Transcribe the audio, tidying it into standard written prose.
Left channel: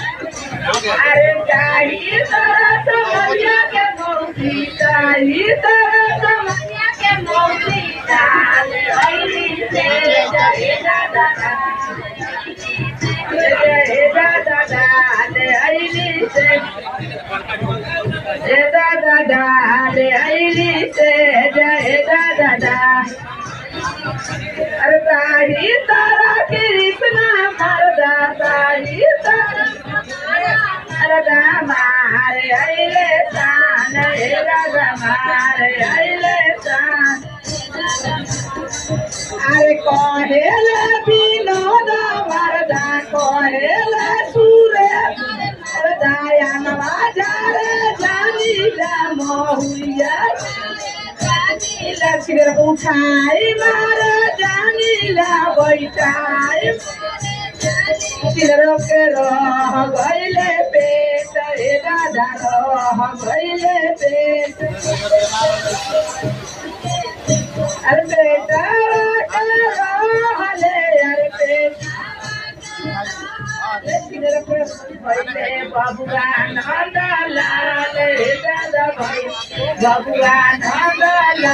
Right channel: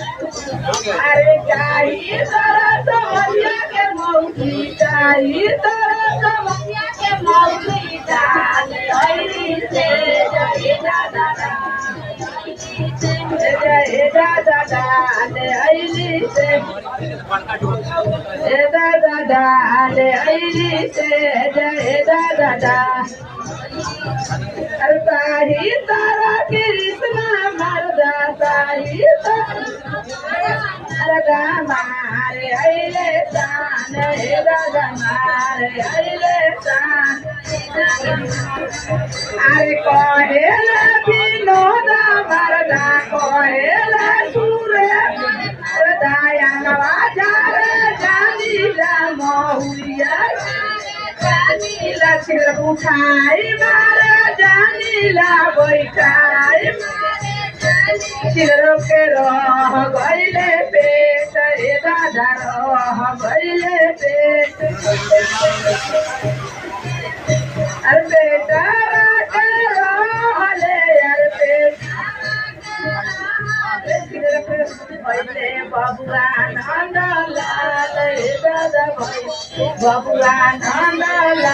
अरे चाहिए तारा समझिया के मौसी चाहिए तारा समझिया के मौसी डाल ऐली से जय दादा डाल ऐली से जय दादा डाल ऐली से जय दादा अरे ताही तारा कृष्ण मरदा ताही तारा मारे आइले तान राजा मारे आइले तान अरे कहेला विनोद मरदा कहेला सूरे दया नवाजारे जानीला मोहुलिया जानीला सिर उठाई मारे जानीला बैठाई सिरो के रह गइले पेट हे दादा रह गइले पेट अरे बेटा के रहले यार पेट सिरो के गइले बबुआ नंदलाल हे दादा भाई बबुआ नंदलाल